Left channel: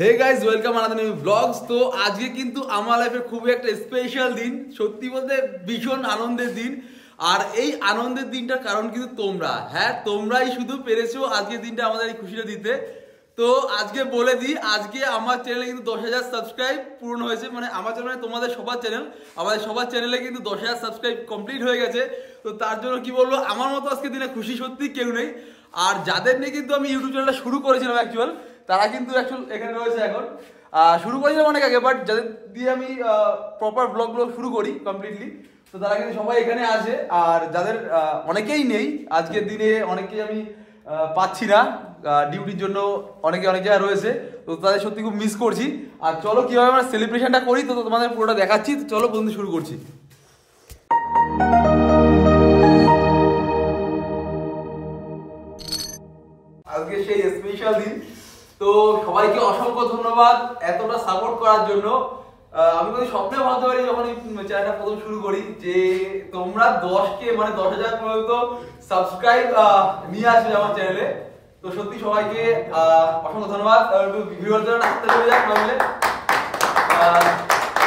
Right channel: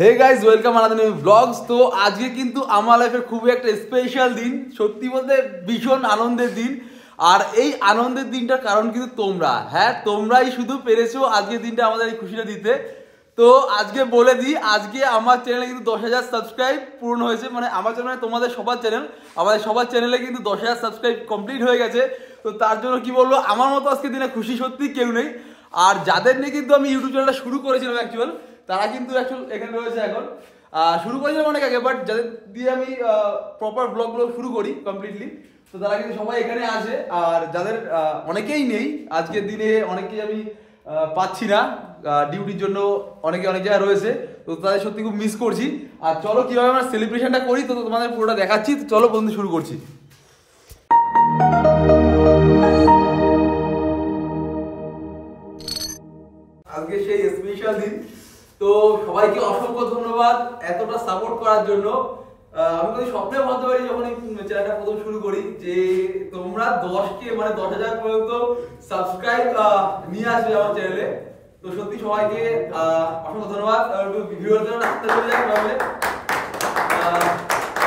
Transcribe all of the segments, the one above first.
হে guys welcome another new blogs. তো আজকে কিন্তু আমার লাইফের খুবই একটা স্পেশাল দিন, সত্যি বলতে ভীষণ আনন্দের দিন। আর এই আনন্দের দিনটার কারণ কিন্তু তোমরা, হ্যাঁ তোমরাই শুধু পেরেছো আজকের দিনটা আমাদের এই খুশিটা দিতে। তো আজকে বলে দিই, আজকে আমার চ্যানেলে কিন্তু 10,000 সাবস্ক্রাইব পূর্ণ হয়েছে। মানে আমার চ্যানেল মানে তোমাদের সবার চ্যানেল, আমাদের সবার চ্যানেলে কিন্তু 10,000 সাবস্ক্রাইব কমপ্লিট হয়ে গেছে। তো তার জন্য কি বলবো, আমার মতো আজকে দিনে খুশি সত্যি কেউ নেই। আর যাদের নিয়ে কিন্তু আমি ইউটিউব চ্যানেলটা শুরু করেছিলাম অ্যাকচুয়াল, তারা কিন্তু এখানে রয়েছে এখন। শুরু করেছিলাম অনেক আগে, বাট যাদের দিয়ে আমি প্রপার ব্লগগুলো শুরু করি কমপ্লিটলি, তো তারা কিন্তু সবাই এখানে আছে। আর যাদের অনেকেই নেই আজকের দিনে, অনেকেই আমি পাচ্ছি না ডিউটির জন্য, অনেকে অনেক জায়গায় রয়েছে, তো তাদের সত্যি খুব মিস করছি। আর চলো কিভাবে আমরা সেলিব্রেশনটা করি তো তোমাদের পুরোটা দেখাচ্ছি। তো চলো বন্ধু শুরু করছি। আজকে সেই স্পেশাল দিন, তো সবাইকে অসংখ্য ধন্যবাদ এতটা সাপোর্ট করার জন্য। আমি কোনো স্বপ্নে ভাবতে পারি যখন এই চ্যানেলটা প্রথম শুরু করি যে তোমরা 10K মানে 10,000 পর্যন্ত সাবস্ক্রাইব নিয়ে আসবে আমার চ্যানেলে। তো সত্যি সবাইকে অসংখ্য ধন্যবাদ। ভিউয়ারদের হাতে চলে যাক তাহলে।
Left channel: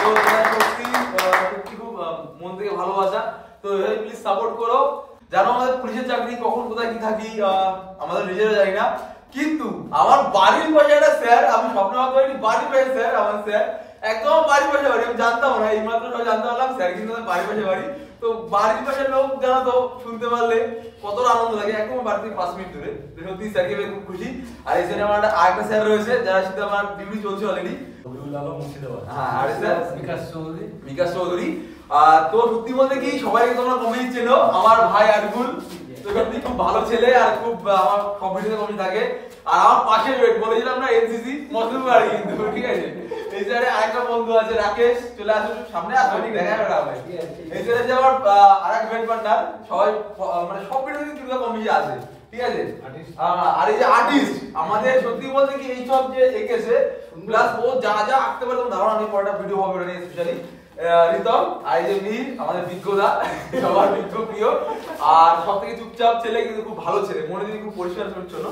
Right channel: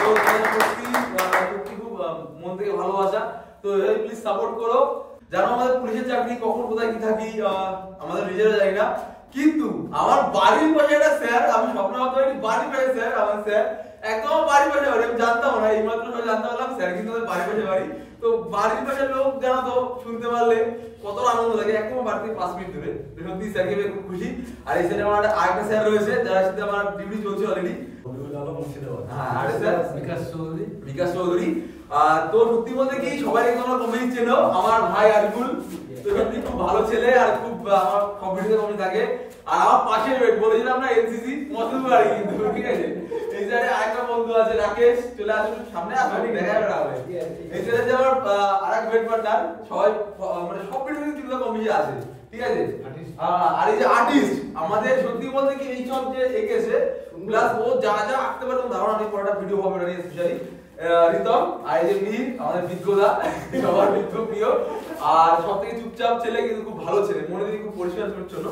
তো সত্যি সত্যি খুব মন থেকে ভালোবাসা। তো প্লিজ সাপোর্ট করো। জানো আমাদের পুলিশের চাকরি কখন কোথায় কি থাকি আমাদের নিজেরা জানি না, কিন্তু আমার বাড়ির পাশে একটা স্যার, আমি স্বপ্ন ভাবতে পারি বাড়ির পাশে স্যার, আমার স্যার একদম বাড়ির পাশে বাড়ি। আমি জানতাম না, এই মাত্র সবাই জানতে পারলাম স্যার কিন্তু আমাদের বাড়ির পাশে বাড়ি। তো বাড়ির পাশের লোক জানো তো শুনতে পারলে কতটা আনন্দ লাগে, একদম বাড়ি থেকে 5 মিনিট দূরে। সত্যি স্যারকে পেয়ে খুব খুশি। আর এই স্যার আমার আরেকটা স্যার রয়েছে যার সাথে আমার ডিউটি চলছে অলরেডি। বিকাশ চৌধুরী। তো সত্যি বলতে কি সবাইকে তোমরা কমেই চেনো, আমার ভাই আরগুল। তো সত্যি খুব ভালো ছেলে আর খুব আমার সব ভিডিওতে কমেই থাকে। আর আমার পাশে বলেছিলাম না এনসিসি মসলিম বাড়ি কিন্তু, ঠিক আছে। এই সাইডে আরেকটা বন্ধু আছে রাকেশ, চলে আসুন সামনে আসবে, ঠিক দেখা যাবে। এই সাইডে যে আমার আরেক বেড পার্টনার, সবাই মানে সব ভিডিওতে কিন্তু কমেই আছে, ঠিক আছে। আর এই যে আর্টিস্ট আমাদের, সত্যি বলতে কি এই সব যে এঁকেছে প্লাস ও যা যা আঁকতে পারে তোমার ধারণা নেই। পরেরটা ভিডিও হবে না স্পেশালি রিতম। আর এই যে মীর আমাদের বিজ্ঞদা, সবার বিজ্ঞ প্রিয়। আর সব থেকে চুপচাপ ছেলে কিন্তু খুব ভালো ছেলে, মনে দিদি খুব পরিষ্কার পরিচ্ছন্ন।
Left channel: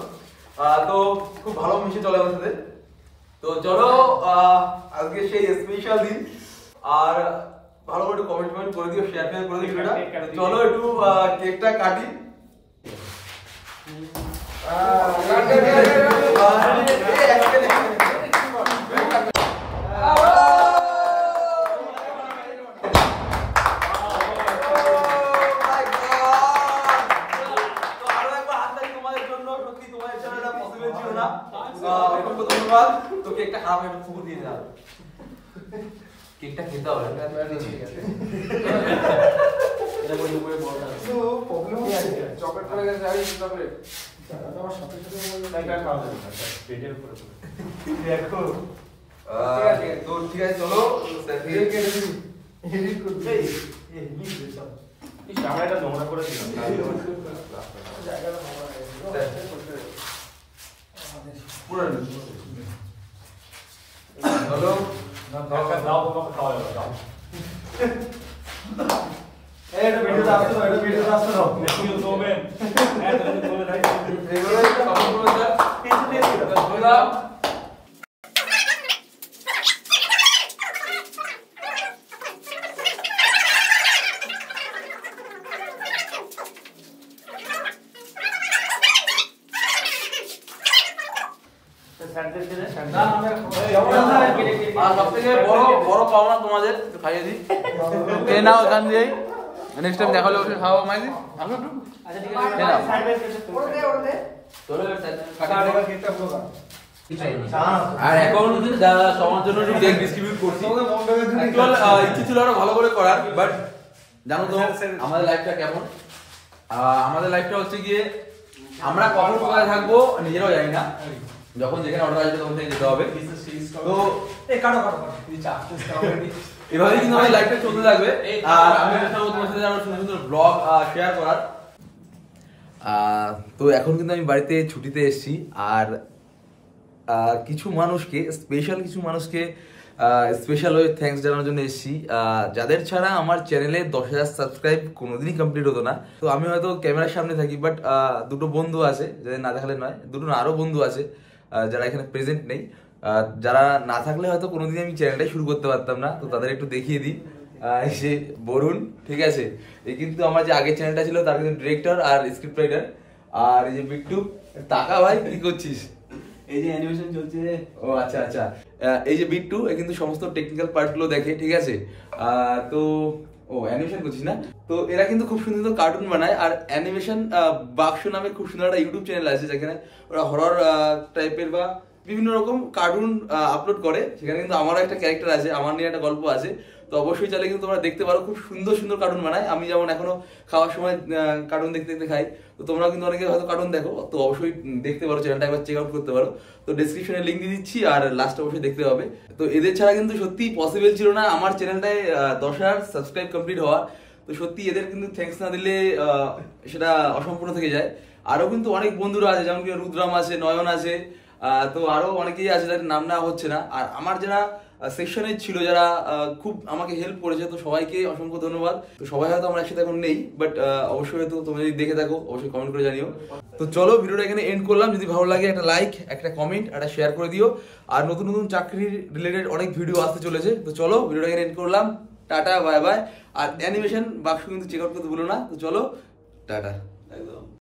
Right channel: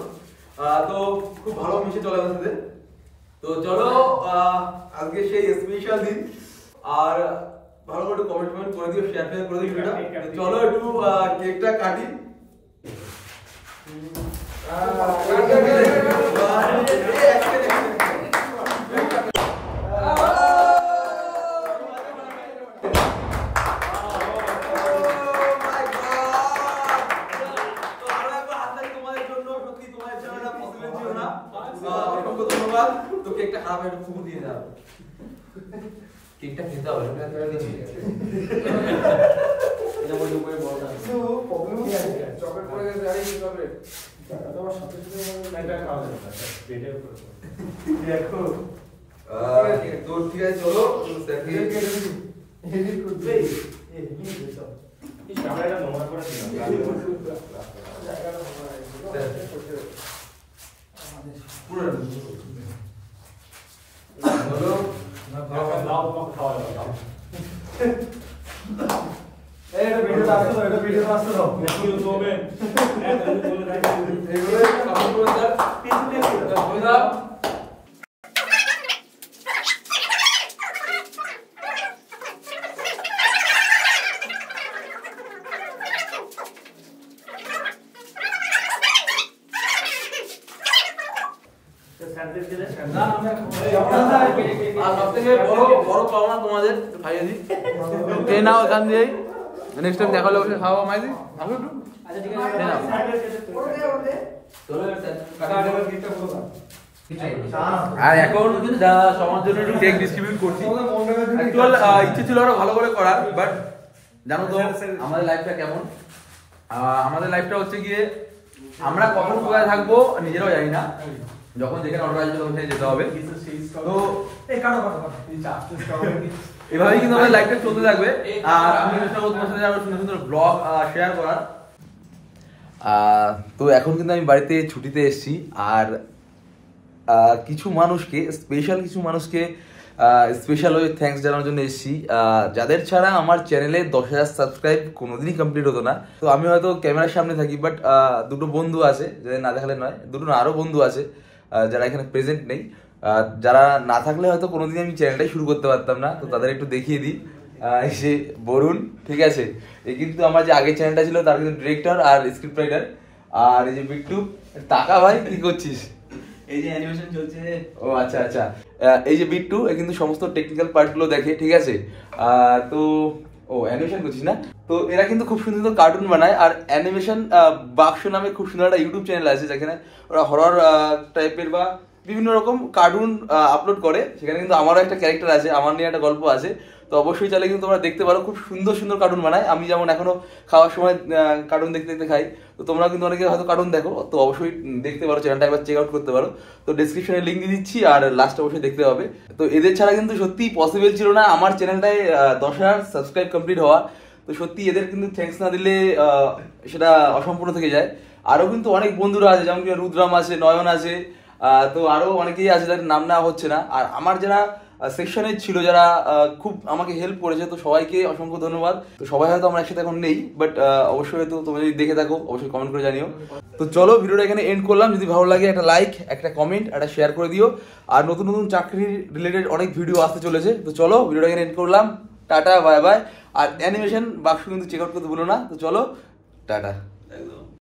তো খুব ভালো মিশে চলে আমাদের সাথে। তো চলো আজকে সেই স্পেশাল দিন। আর ভালো করে একটু কমেন্ট করে দিও, শেয়ার করে দিও ভিডিওটা। চলো একটু কেকটা কাটি। ধন্যবাদ। তো কেকটা খারাপ একটু ফুকু দিয়ে দাও, কেকটা খেতে হবে। তো ঠিক আছে চলো নোংরা করে দিলাম। সবথেকে বড় পাওনা তোমাদের খাইয়ে দিই, খেয়ে নাও এখান দিয়েই। নেক্সট টাইম দেখা হলে ওকে খাওয়াবো মাইদি। আসো একটু আর এখন সবার জন্য একটু কেক ডিস্ট্রিবিউট করছি। অ্যাকচুয়াল ইচ্ছে ছিল আরো ভালো করে করার, বাট জানো তো আমাদের লাইফটা কেমন। আমাদের লাইফটা হচ্ছে গিয়ে আমরা কখন কোথায় থাকবো নিজেরাও জানি না, যখন যেখানে অর্ডার আসবে তখন যেতে হবে। তো এভাবেই কিন্তু আমাদের লাইফটা চলতে থাকবে। আর আমি চেষ্টা করবো তোমার সাথে আরো সুন্দর সুন্দর ব্লগ শেয়ার করার। তো এখন কিন্তু আমি বাড়িতে ছুটিতে এসেছি। আর কিছু মানুষকে স্পেশাল ওই থ্যাঙ্কস জানানোর জন্য এসেছি, যাদের ছাড়া আমার চ্যানেলে 10,000 সাবস্ক্রাইব কোনোদিনই কমপ্লিট হতো না। তো আমি হয়তো ক্যামেরার সামনে থাকি, বাট দুটো বন্ধু আছে যাদের না দেখালে নয়, দুটো না আরো বন্ধু আছে যারা এখানে প্রেজেন্ট নেই। যারা না থাকলে হয়তো কোনোদিন আমি চ্যানেলটাই শুরু করতে পারতাম না, তো তাদের একটু দেখিয়ে দিই। এই যে বরুণ, ঠিক আছে, এই কিন্তু আমার যে আগের চ্যানেলটা ছিল তার কিন্তু ডিরেক্টর আর স্ক্রিপ্ট রাইটার। আর এই যে বিট্টু, টাকা ভাই কি করছিস? এই যে অ্যানিমেশন চলছে। ও আচ্ছা আচ্ছা, এই যে বিট্টু এ কিন্তু সমস্ত টেকনিক্যাল পার্টগুলো দেখে, ঠিক আছে। তো ও অ্যানিমেশন করছিস না? তো এরা কিন্তু খুব সুন্দর সুন্দর কার্টুন বানায়। আর অ্যানিমেশন বাক্স নামে খুব সুন্দর একটা ইউটিউব চ্যানেল আছে, যেখানে ওরা হরর টাইপের বা বিভিন্ন রকম কার্টুন আপলোড করে। সেখানে কিন্তু আমারও একটা ক্যারেক্টার আছে, আমার নিয়ে একটা গল্প আছে। তো অবশ্যই চাইলে কিন্তু তোমরা দেখতে পারো, খুব সুন্দর সুন্দর কার্টুন বানায়। আমি যেমন এখনো খাওয়ার সময় কার্টুন দেখতে দেখতে খাই, তো তোমরা কিন্তু অনেকে হয়তো কার্টুন দেখো, তো অবশ্যই দেখতে পারো, চ্যানেলটা একবার চেক আউট করতে পারো। তো ডেসক্রিপশনে লিঙ্ক দিয়ে দিচ্ছি, আর লাস্টে অবশ্যই দেখতে হবে। তো এদের ছাড়া কিন্তু সত্যি পসিবল ছিল না আমার চ্যানেলটায় 10,000 সাবস্ক্রাইব কমপ্লিট হওয়া। তো সত্যি এদের কিন্তু থ্যাঙ্কস না দিলে সেটা অসম্পূর্ণ থেকে যায়। আরও কিন্তু অনেক বন্ধুরা আছে, যেমন কি রুদ্রাম আছে, নয়ন আছে, তো আরও অনেকেই আছে যাদের নাম নেওয়া হচ্ছে না। আর আমার যারা সেকশনে ছিল, যারা খুব আমাকে হেল্প করেছে, তো সবাইকে অসংখ্য ধন্যবাদ। তো সবাই হয়তো আমরা একসাথে এখন নেই, বাট অবশ্যই হয়তো তোমরা যদি দেখে থাকো অবশ্যই কমেন্ট করে জানিও। তো চলো ভিডিওটা এখানে এন্ড করলাম। যদি ভালো লাগে একটা লাইক, একটা কমেন্ট, একটা শেয়ার করে দিও। আর নতুন নতুন চাকরির রিলেটেড অনেক ভিডিও আসতে চলেছে। তো চলো ভিডিওটা এখানে এন্ড করলাম, টাটা বাই বাই। আর অ্যানিমেশন বাক্স কিন্তু চেক আউট করতে ভুলো না। তো চলো, টাটা।